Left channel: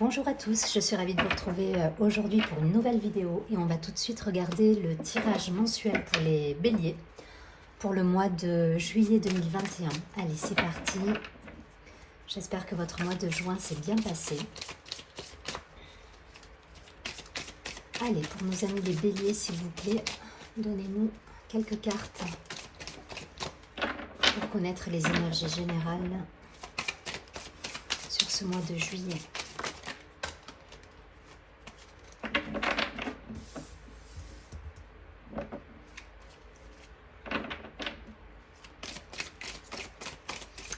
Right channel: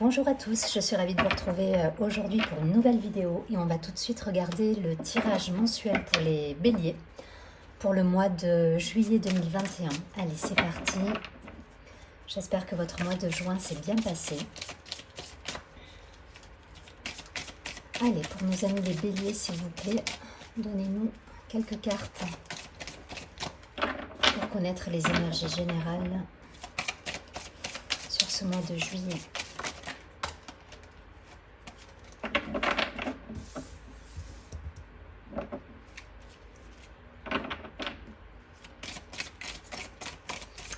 Bonjour à tous, je suis ravie de vous retrouver aujourd'hui pour une nouvelle vidéo et on va tout de suite regarder le tirage mensuel pour les béliers pour le mois de juillet 2021. Allez, c'est parti. J'espère que votre mois de juin s'est bien passé. Allez, pour nos amis les béliers, s'il vous plaît, donnez-nous quelques cartes pour connaître les énergies générales sur ce mois de juillet.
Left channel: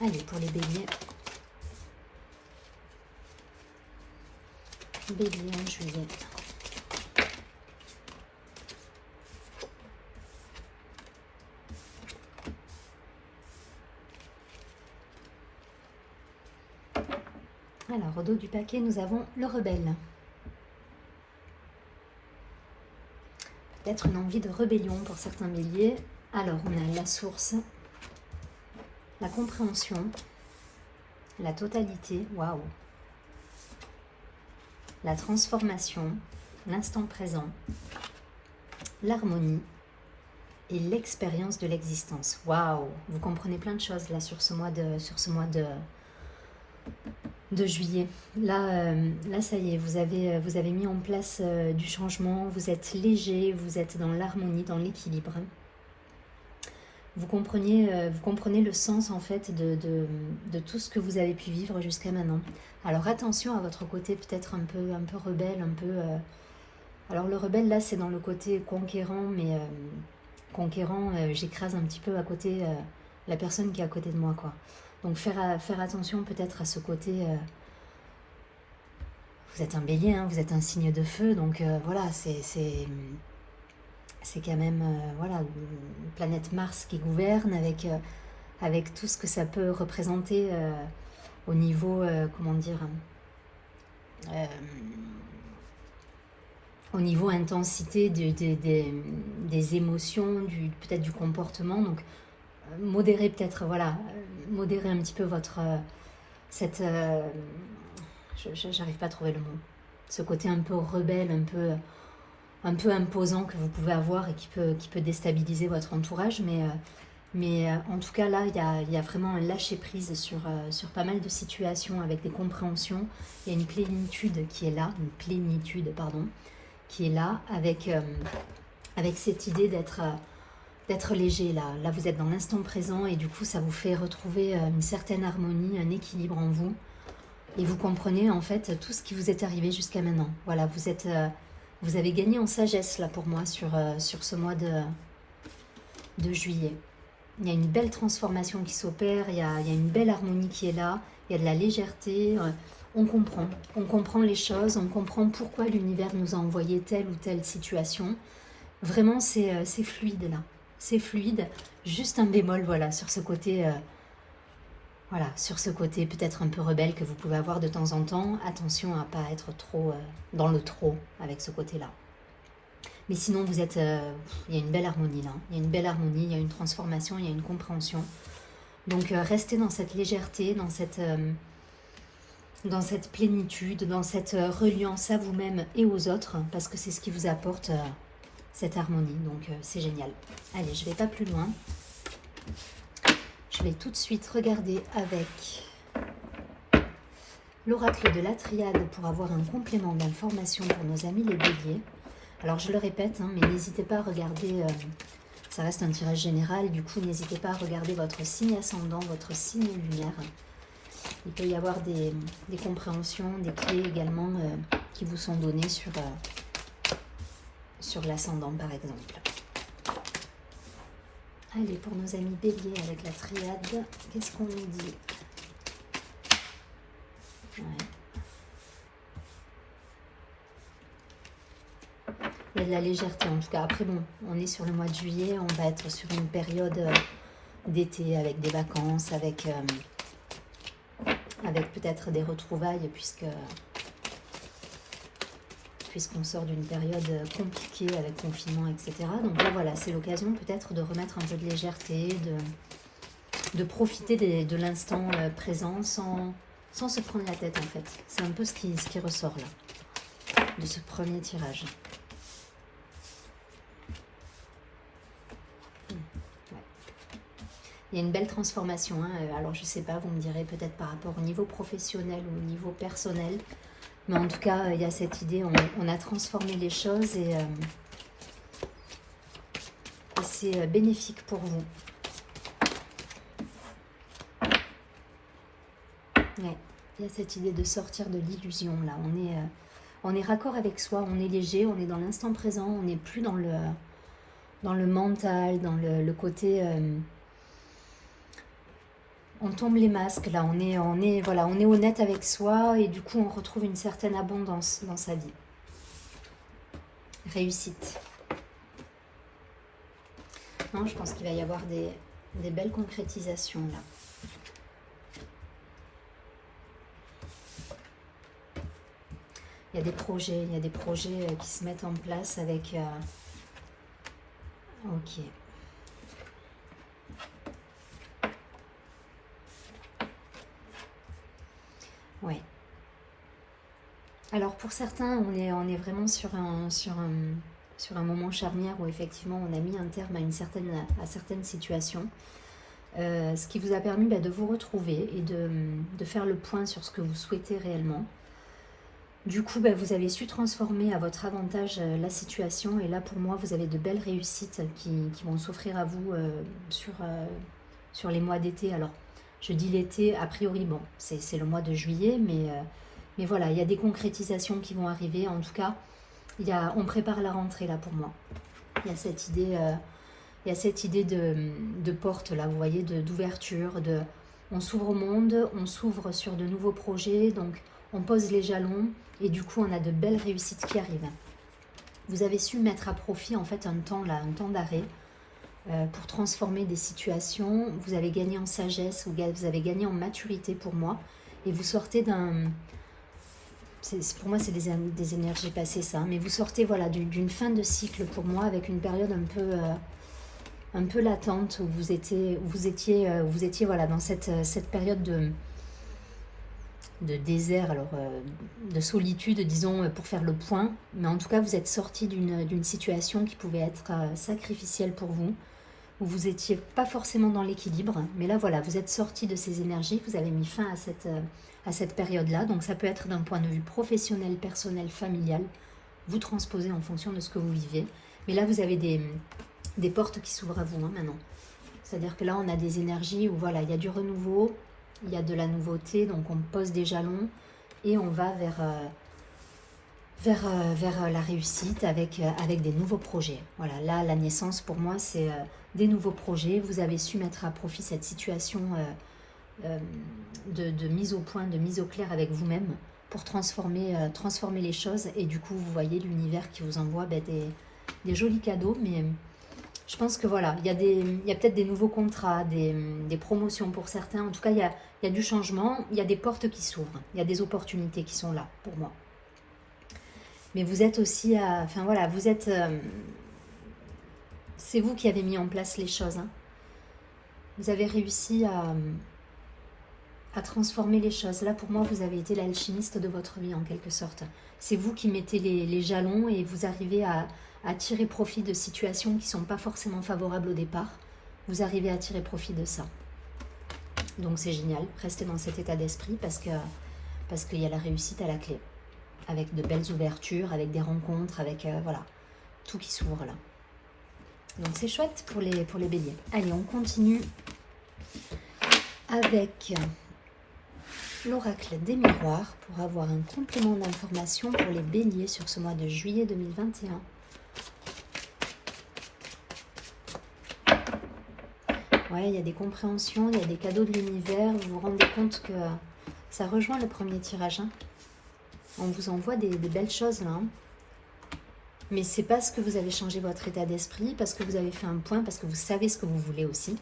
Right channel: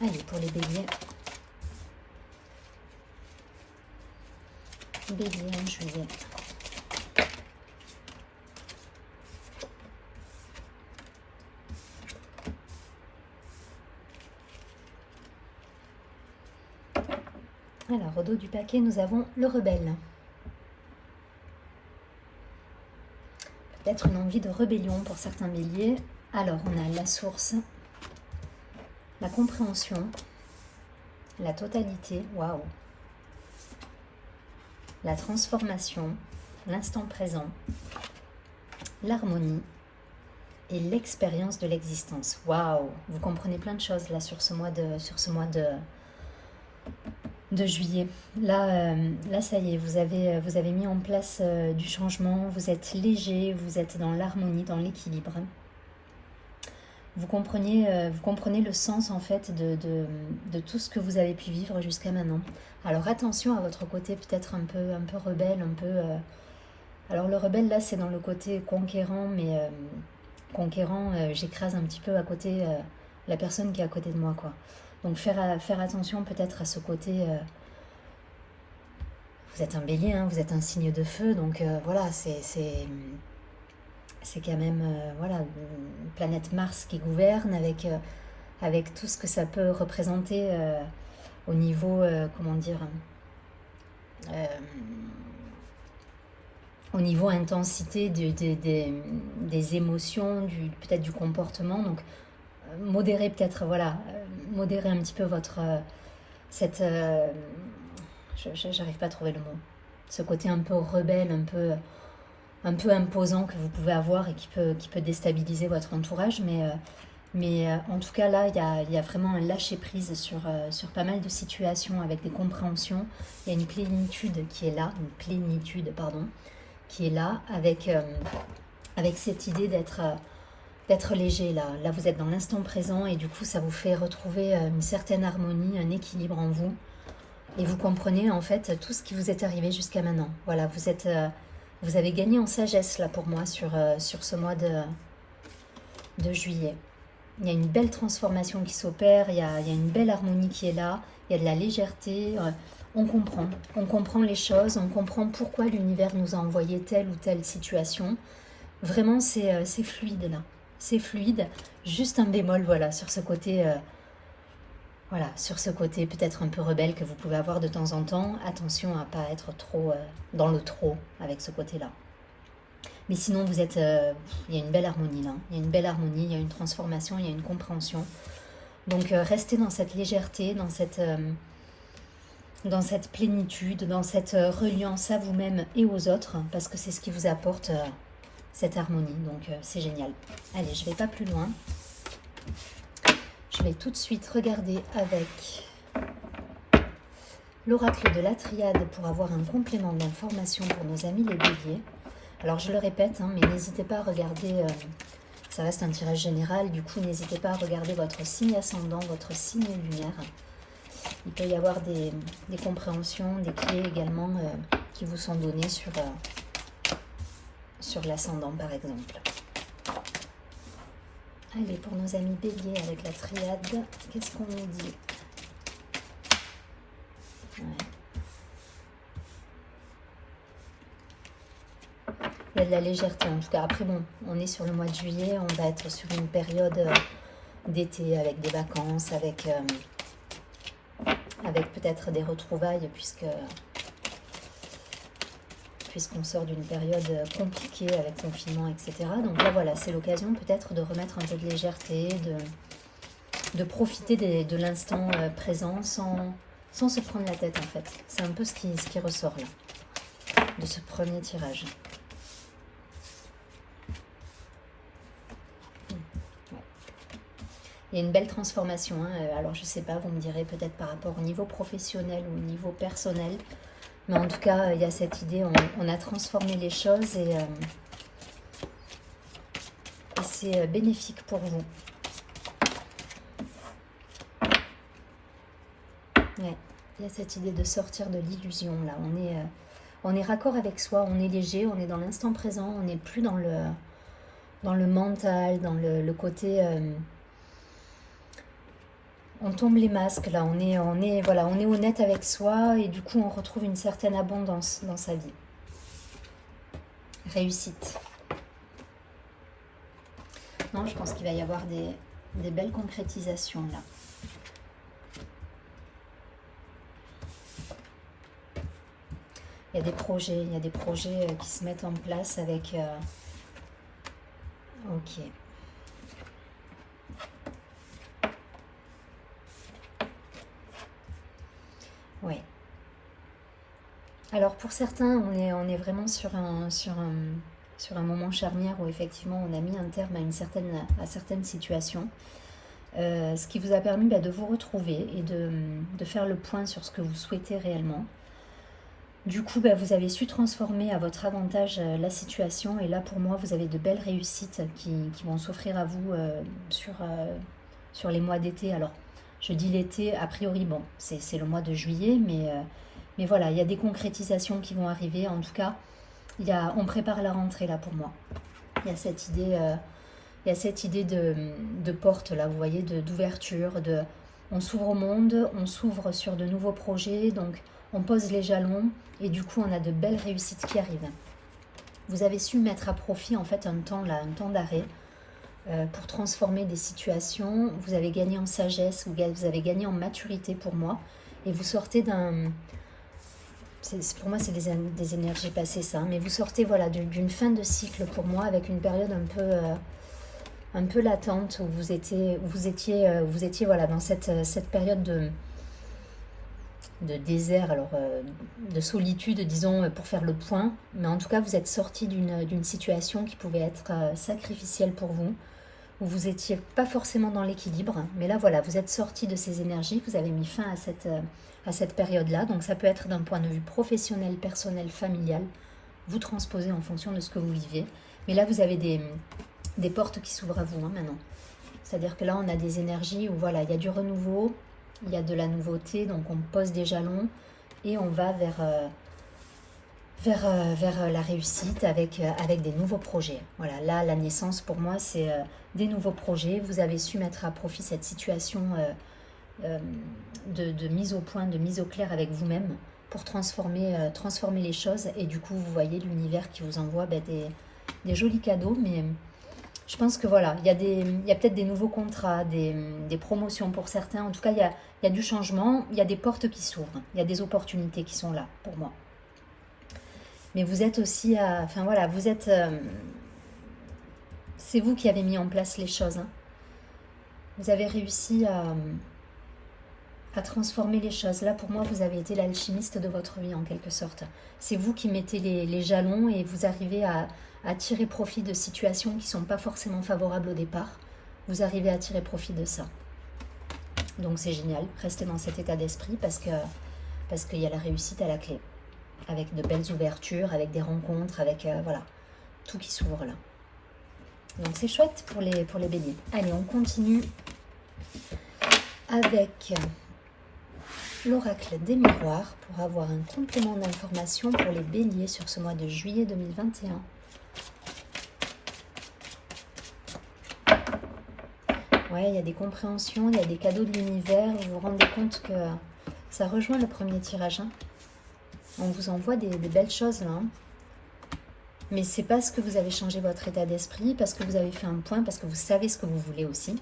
Allez, pour les béliers. Bélier en juillet. Alors, au dos du paquet, nous avons le rebelle. Peut-être une envie de rébellion pour certains béliers. Alors, on a la source, la compréhension, la totalité, waouh, la transformation, l'instant présent, l'harmonie et l'expérience de l'existence. Waouh, vous comprenez plein de choses là sur ce mois de juillet. Là, ça y est, vous avez mis en place du changement, vous êtes léger, vous êtes dans l'harmonie, dans l'équilibre. Vous comprenez le sens en fait de tout ce que vous avez pu vivre jusqu'à maintenant. Alors attention à votre côté peut-être un peu rebelle, alors le rebelle là c'est dans le côté conquérant, mais conquérant, j'écrase un petit peu à côté la personne qui est à côté de moi, quoi. Donc faire attention peut-être à ce côté. Vous êtes un bélier, hein, vous êtes un signe de feu, donc voilà, c'est quand même voilà, une planète Mars qui gouverne avec tout ce que ça peut représenter au niveau, comment dire, au niveau intensité des émotions, peut-être du comportement. Donc modérer peut-être, voilà, modérer un petit peu votre j'arrive pas à trouver le mot, ce côté un peu rebelle, un peu imposant que vous pouvez avoir et qui peut déstabiliser votre entourage, mais en tout cas là il y a vraiment un lâcher prise sur pas mal de situations avec des compréhensions. Il y a une plénitude qui est là, qui est là avec cette idée d'être léger là. Là vous êtes dans l'instant présent et du coup ça vous fait retrouver une certaine harmonie, un équilibre en vous et vous comprenez en fait tout ce qui vous est arrivé jusqu'à maintenant. Voilà, vous avez gagné en sagesse là pour moi sur ce mois de juillet. Il y a une belle transformation qui s'opère, il y a une belle harmonie qui est là, il y a de la légèreté, on comprend les choses, on comprend pourquoi l'univers nous a envoyé telle ou telle situation. Vraiment c'est fluide là, c'est fluide, juste un bémol voilà sur ce côté... Voilà, sur ce côté peut-être un peu rebelle que vous pouvez avoir de temps en temps, attention à ne pas être trop dans le trop avec ce côté-là. Mais sinon, il y a une belle harmonie là, il y a une belle harmonie, il y a une transformation, il y a une compréhension. Donc restez dans cette légèreté, dans cette plénitude, dans cette reliance à vous-même et aux autres, parce que c'est ce qui vous apporte cette harmonie, donc c'est génial. Allez, je ne vais pas plus loin. Je vais tout de suite regarder avec l'oracle de la triade pour avoir un complément d'information pour nos amis les béliers. Alors je le répète, hein, mais n'hésitez pas à regarder, ça reste un tirage général, du coup n'hésitez pas à regarder votre signe ascendant, votre signe lunaire. Il peut y avoir des compréhensions, des clés également qui vous sont données sur l'ascendant par exemple. Allez, pour nos amis béliers avec la triade, qu'est-ce qu'on nous dit? Ouais. Il y a de la légèreté en tout cas. Après bon, on est sur le mois de juillet, on va être sur une période d'été avec des vacances, avec peut-être des retrouvailles puisqu'on sort d'une période compliquée avec confinement, etc. Donc là, voilà, c'est l'occasion peut-être de remettre un peu de légèreté, de profiter de l'instant présent sans se prendre la tête en fait. C'est un peu ce qui ressort là, de ce premier tirage. Il y a une belle transformation, hein. Alors je sais pas, vous me direz peut-être par rapport au niveau professionnel ou au niveau personnel. Mais en tout cas, il y a cette idée, on a transformé les choses et c'est bénéfique pour vous. Ouais, il y a cette idée de sortir de l'illusion là. On est raccord avec soi, on est léger, on est dans l'instant présent, on n'est plus dans le mental, dans le côté... on tombe les masques là, voilà, on est honnête avec soi et du coup on retrouve une certaine abondance dans sa vie. Réussite. Non, je pense qu'il va y avoir des belles concrétisations là. Il y a des projets qui se mettent en place avec... ok. Ouais. Alors pour certains, on est vraiment sur un moment charnière où effectivement on a mis un terme à certaines situations. Ce qui vous a permis de vous retrouver et de faire le point sur ce que vous souhaitez réellement. Du coup, vous avez su transformer à votre avantage la situation et là pour moi vous avez de belles réussites qui vont s'offrir à vous sur les mois d'été. Alors je dis l'été, a priori bon, c'est le mois de juillet, mais voilà, il y a des concrétisations qui vont arriver. En tout cas, on prépare la rentrée là pour moi. Il y a cette idée, de porte là, vous voyez, d'ouverture, on s'ouvre au monde, on s'ouvre sur de nouveaux projets, donc on pose les jalons et du coup on a de belles réussites qui arrivent. Vous avez su mettre à profit en fait un temps d'arrêt pour transformer des situations. Vous avez gagné en sagesse, vous avez gagné en maturité pour moi et vous sortez pour moi c'est des énergies passées ça, mais vous sortez voilà d'une fin de cycle pour moi avec une période un peu latente où vous étiez voilà dans cette période de désert, alors de solitude, disons, pour faire le point. Mais en tout cas, vous êtes sorti d'une situation qui pouvait être sacrificielle pour vous, où vous n'étiez pas forcément dans l'équilibre. Mais là, voilà, vous êtes sorti de ces énergies, vous avez mis fin à cette période-là. Donc ça peut être d'un point de vue professionnel, personnel, familial. Vous transposez en fonction de ce que vous vivez. Mais là, vous avez des portes qui s'ouvrent à vous maintenant. C'est-à-dire que là, on a des énergies où voilà, il y a du renouveau, il y a de la nouveauté, donc on pose des jalons et on va vers la réussite avec des nouveaux projets. Voilà, là, la naissance pour moi, c'est des nouveaux projets. Vous avez su mettre à profit cette situation de mise au point, de mise au clair avec vous-même pour transformer les choses. Et du coup, vous voyez l'univers qui vous envoie des jolis cadeaux, mais... je pense que voilà, il y a peut-être des nouveaux contrats, des promotions pour certains. En tout cas, il y a du changement, il y a des portes qui s'ouvrent, il y a des opportunités qui sont là pour moi. Mais vous êtes aussi enfin voilà, vous êtes... c'est vous qui avez mis en place les choses. Hein. Vous avez réussi à transformer les choses. Là, pour moi, vous avez été l'alchimiste de votre vie en quelque sorte. C'est vous qui mettez les jalons et vous arrivez à tirer profit de situations qui ne sont pas forcément favorables au départ. Vous arrivez à tirer profit de ça. Donc c'est génial, restez dans cet état d'esprit parce qu'il y a la réussite à la clé. Avec de belles ouvertures, avec des rencontres, avec voilà, tout qui s'ouvre là. Donc c'est chouette pour les béliers. Allez, on continue avec l'oracle des miroirs pour avoir un complément d'information pour les béliers sur ce mois de juillet 2021. Ouais, il y a des compréhensions, il y a des cadeaux de l'univers. Vous vous rendez compte que ça rejoint le premier tirage. Hein. On vous envoie des belles choses là. Hein. Mais c'est parce que vous avez changé votre état d'esprit, parce que vous avez fait un point, parce que vous savez ce que vous voulez aussi.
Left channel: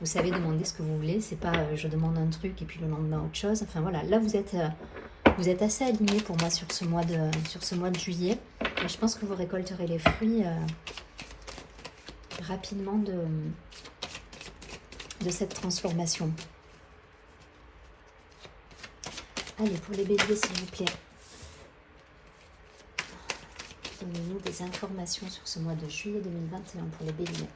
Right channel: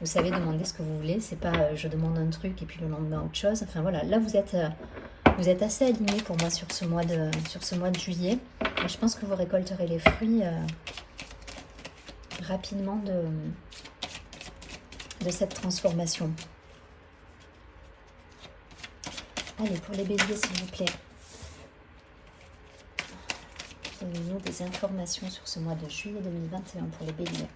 Vous savez demander ce que vous voulez. C'est pas je demande un truc et puis le lendemain autre chose. Enfin voilà, là vous êtes assez aligné pour moi sur ce mois de juillet. Et je pense que vous récolterez les fruits rapidement de cette transformation. Allez, pour les béliers, s'il vous plaît. Donnez-nous des informations sur ce mois de juillet 2021 pour les béliers.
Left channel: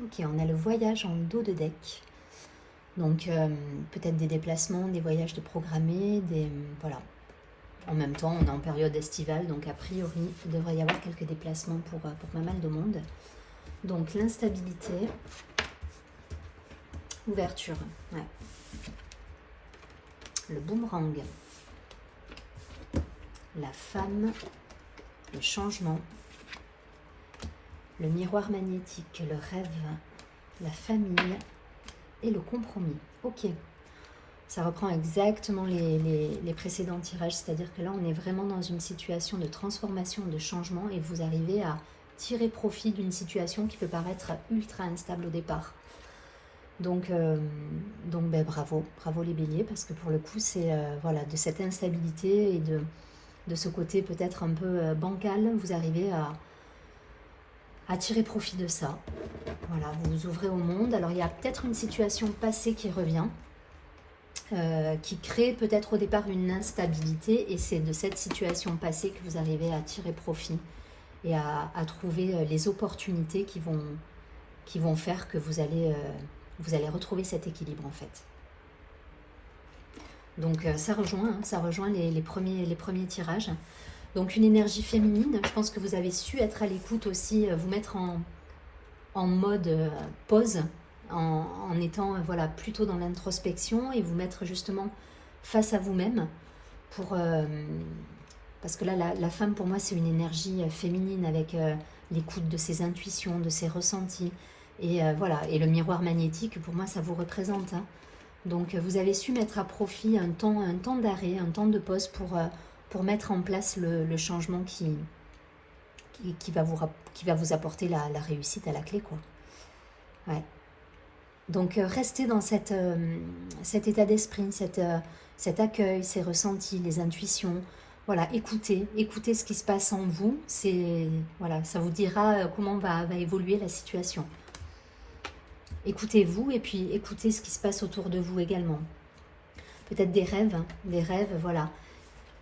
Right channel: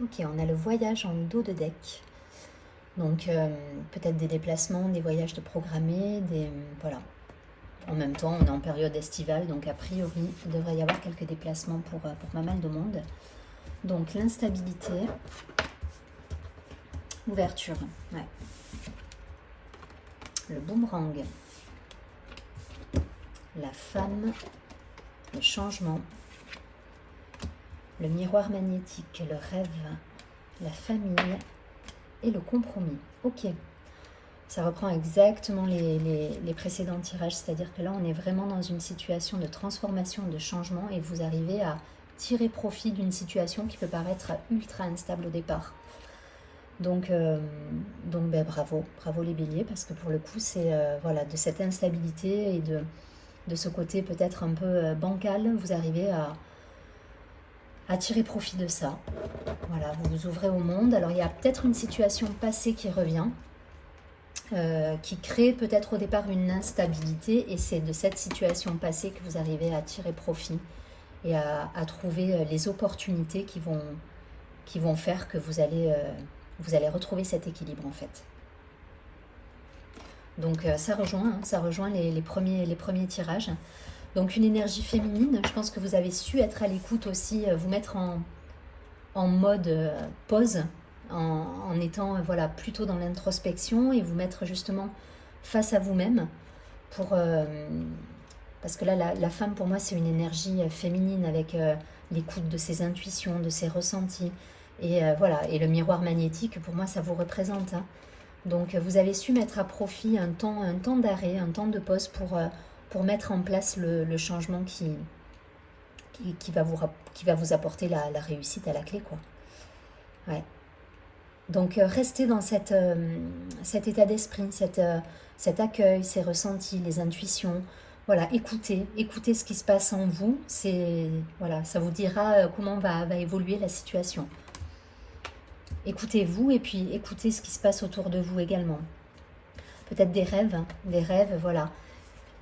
Ok, on a le voyage en dos de deck. Donc, peut-être des déplacements, des voyages de programmés, voilà. En même temps, on est en période estivale, donc a priori, il devrait y avoir quelques déplacements pour pas mal de monde. Donc, l'instabilité, ouverture, ouais. Le boomerang, la femme, le changement, le miroir magnétique, le rêve, la famille et le compromis. Ok, ça reprend exactement les précédents tirages, c'est-à-dire que là on est vraiment dans une situation de transformation, de changement, et vous arrivez à tirer profit d'une situation qui peut paraître ultra instable au départ. Donc ben, bravo les béliers, parce que pour le coup c'est voilà, de cette instabilité et de ce côté peut-être un peu bancal, vous arrivez à tirer profit de ça. Voilà, vous vous ouvrez au monde. Alors il y a peut-être une situation passée qui revient, qui crée peut-être au départ une instabilité, et c'est de cette situation passée que vous arrivez à tirer profit et à trouver les opportunités qui vont faire que vous allez retrouver cet équilibre en fait. Donc ça rejoint les premiers tirages. Donc une énergie féminine, je pense que vous avez su être à l'écoute aussi, vous mettre en mode pause, en étant voilà, plutôt dans l'introspection, et vous mettre justement face à vous-même, parce que là la femme pour moi c'est une énergie féminine avec l'écoute de ses intuitions, de ses ressentis, et voilà, et le miroir magnétique pour moi ça vous représente, hein. Donc vous avez su mettre à profit un temps d'arrêt, un temps de pause pour mettre en place le changement qui va vous apporter la réussite à la clé, quoi. Ouais. Donc restez dans cet état d'esprit, cet accueil, ces ressentis, les intuitions. Voilà, écoutez ce qui se passe en vous. Voilà, ça vous dira comment va évoluer la situation. Écoutez-vous, et puis écoutez ce qui se passe autour de vous également. Peut-être des rêves, voilà.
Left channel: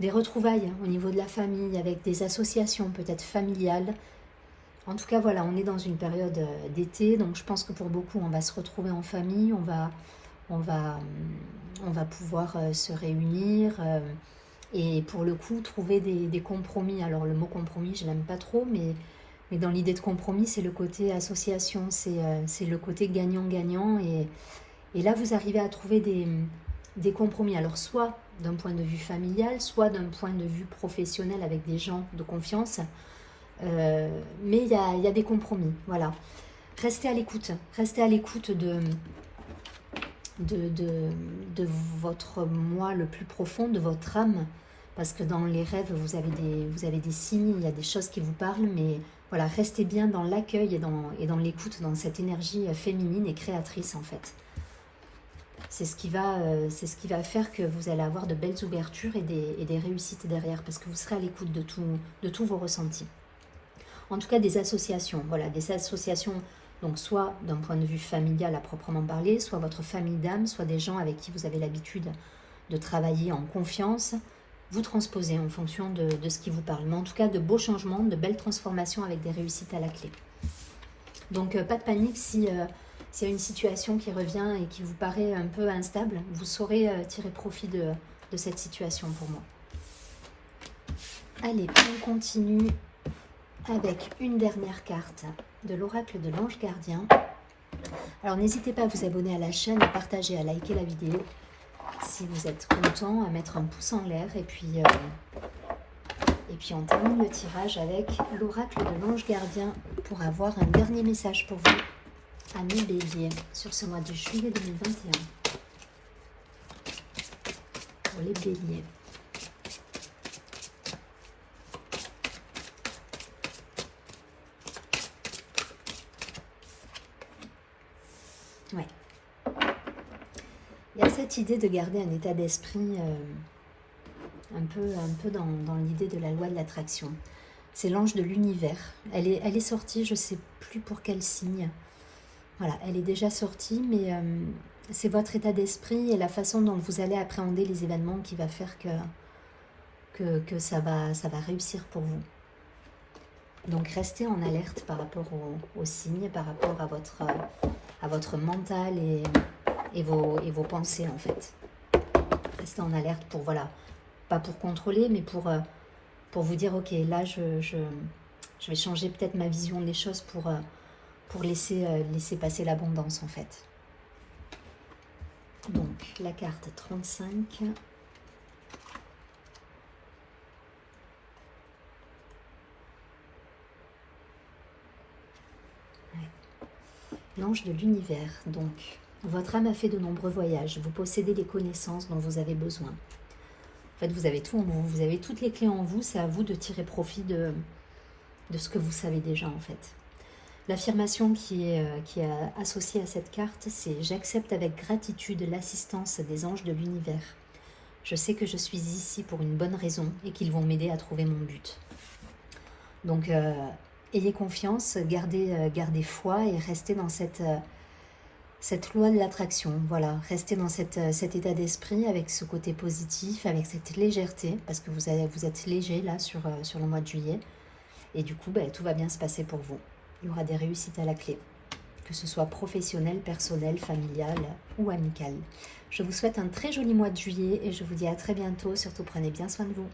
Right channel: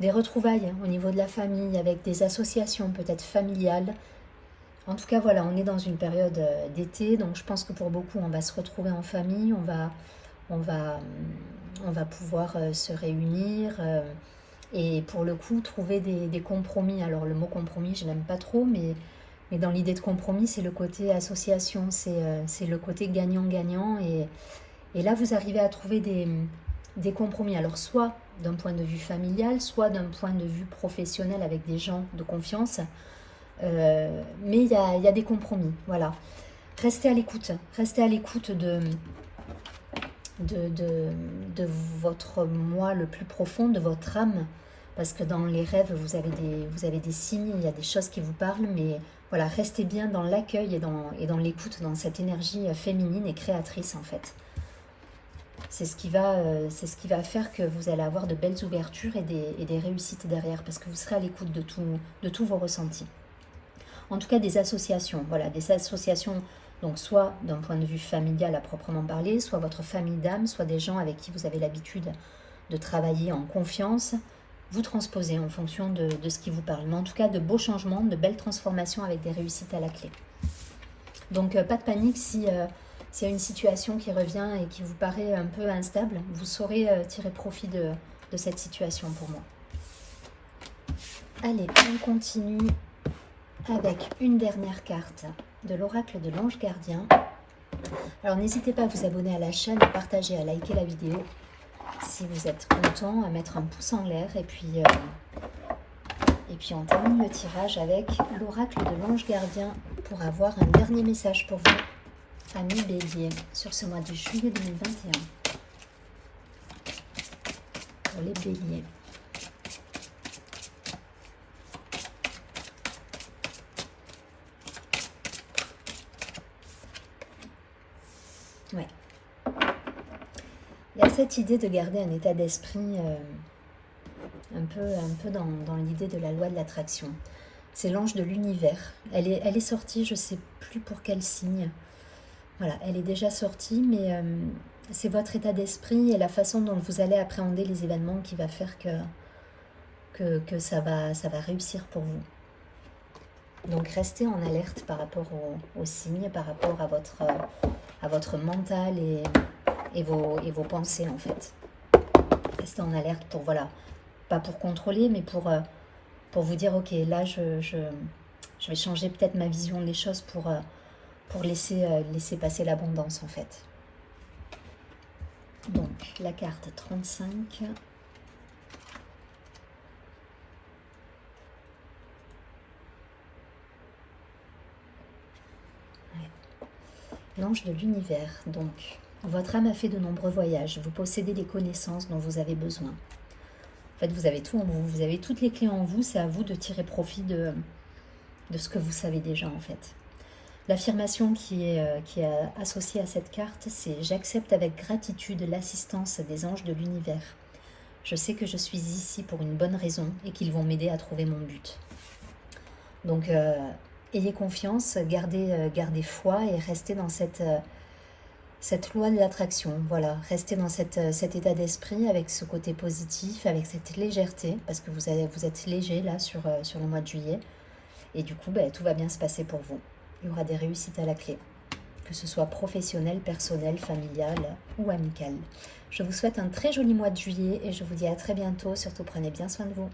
Des retrouvailles au niveau de la famille, avec des associations peut-être familiales. En tout cas, voilà, on est dans une période d'été, donc je pense que pour beaucoup, on va se retrouver en famille, on va pouvoir se réunir et pour le coup, trouver des compromis. Alors le mot compromis, je l'aime pas trop, mais dans l'idée de compromis, c'est le côté association, c'est le côté gagnant-gagnant, et là, vous arrivez à trouver des compromis. Alors soit d'un point de vue familial, soit d'un point de vue professionnel avec des gens de confiance, mais il y a des compromis, voilà. Restez à l'écoute de votre moi le plus profond, de votre âme, parce que dans les rêves, vous avez des signes, il y a des choses qui vous parlent, mais voilà, restez bien dans l'accueil et dans l'écoute, dans cette énergie féminine et créatrice en fait. C'est ce qui va faire que vous allez avoir de belles ouvertures et des réussites derrière, parce que vous serez à l'écoute de tous vos ressentis. En tout cas, des associations, voilà, des associations, donc soit d'un point de vue familial à proprement parler, soit votre famille d'âme, soit des gens avec qui vous avez l'habitude de travailler en confiance. Vous transposez en fonction de ce qui vous parle. Mais en tout cas, de beaux changements, de belles transformations avec des réussites à la clé. Donc, pas de panique si c'est une situation qui revient et qui vous paraît un peu instable. Vous saurez tirer profit de cette situation pour moi. Allez, on continue avec une dernière carte de l'oracle de l'ange gardien. Alors, n'hésitez pas à vous abonner à la chaîne, à partager, à liker la vidéo. Si vous êtes content, à mettre un pouce en l'air, et puis on termine le tirage avec l'oracle de l'ange gardien pour avoir un dernier message pour vous, amis béliers, sur ce mois de juillet 2021. pour les béliers. Ouais. Il y a cette idée de garder un état d'esprit un peu dans l'idée de la loi de l'attraction. C'est l'ange de l'univers. Elle est sortie, je ne sais plus pour quel signe. Voilà, elle est déjà sortie, mais c'est votre état d'esprit et la façon dont vous allez appréhender les événements qui va faire que ça va réussir pour vous. Donc restez en alerte par rapport aux signes, par rapport à votre mental et vos pensées en fait. Restez en alerte pour, voilà, pas pour contrôler, mais pour vous dire, ok, là je vais changer peut-être ma vision des choses pour laisser passer l'abondance en fait. Donc la carte 35. L'ange de l'univers, donc, votre âme a fait de nombreux voyages, vous possédez les connaissances dont vous avez besoin. En fait, vous avez tout en vous, vous avez toutes les clés en vous, c'est à vous de tirer profit de ce que vous savez déjà en fait. L'affirmation qui est associée à cette carte, c'est « J'accepte avec gratitude l'assistance des anges de l'univers. Je sais que je suis ici pour une bonne raison et qu'ils vont m'aider à trouver mon but. » Donc, ayez confiance, gardez foi et restez dans cette loi de l'attraction. Voilà, restez dans cet état d'esprit avec ce côté positif, avec cette légèreté, parce que vous êtes léger là sur le mois de juillet. Et du coup, tout va bien se passer pour vous. Il y aura des réussites à la clé, que ce soit professionnel, personnel, familial ou amical. Je vous souhaite un très joli mois de juillet et je vous dis à très bientôt. Surtout, prenez bien soin de vous.